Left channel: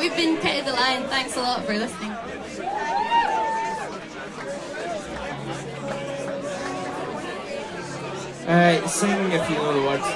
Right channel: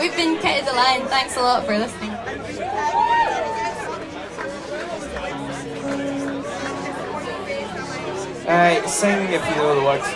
we've been Kitty the Lion. Thanks a lot for listening. Sing if you know the words.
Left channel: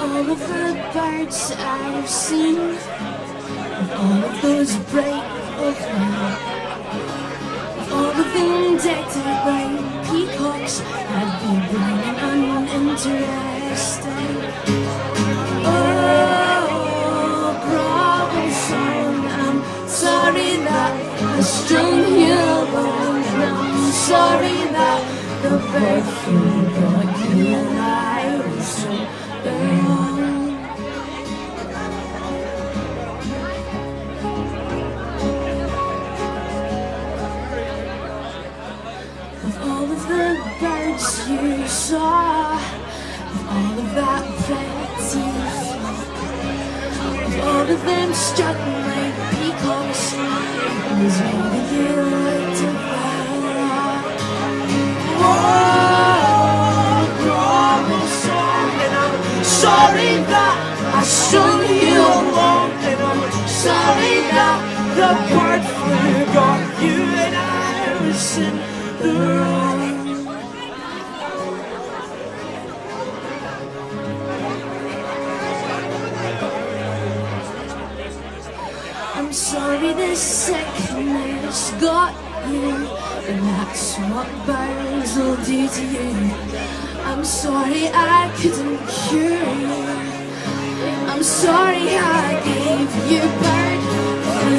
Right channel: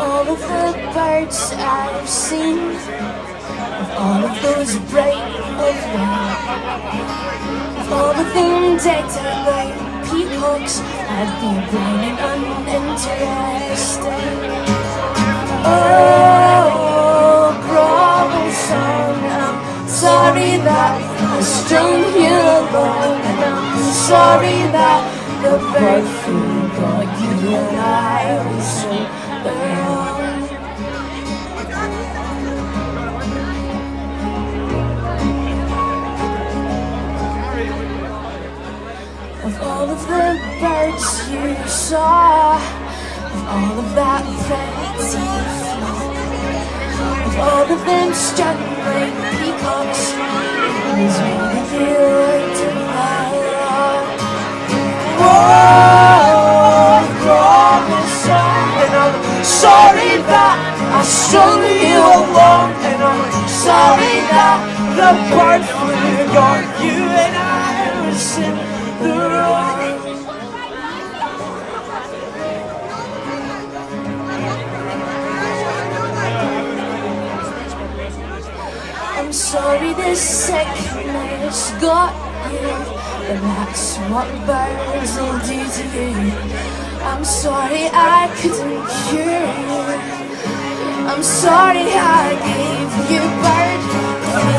All of the birds I've seen, all of those bright of light, all of them decked out like peacocks, I'd be blind and uninterested. Oh, grovel song, I'm sorry that I strung you along, and I'm sorry that the bird flew got you and I was so you saw, all of that plenty, all of them strutting like peacocks, was maybe you to follow. Oh, Robinson, and I'm sorry that I strung you along, and I'm sorry that the bird flew got you and I was in the wrong. I'm sorry this sickness got you, but that's what birds will do to you. I'm sorry I couldn't cure you. I'm sorry I gave you bird flu.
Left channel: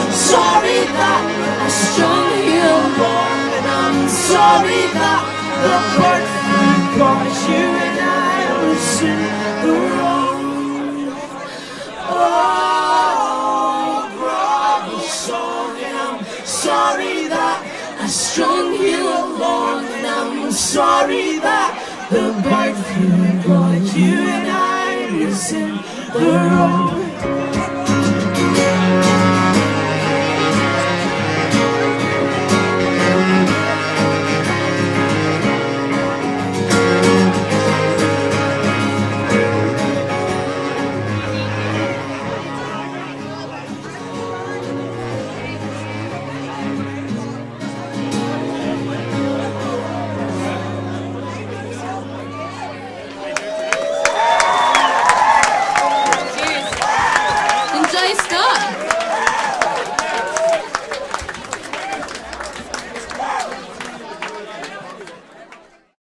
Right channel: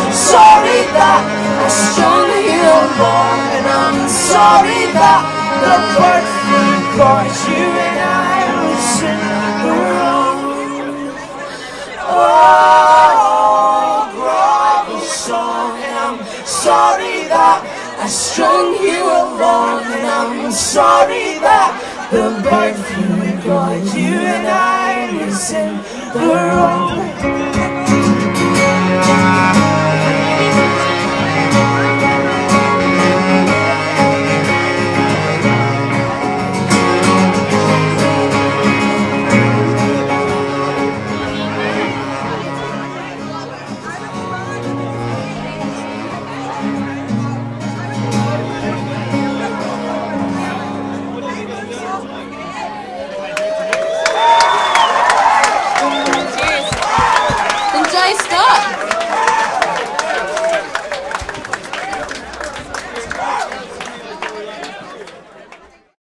I'm sorry that I strung you along, and I'm sorry that the bird flu got you and I was in the wrong. Oh, grovel song, and I'm sorry that I strung you along, and I'm sorry that the bird flu got you and I was in the wrong.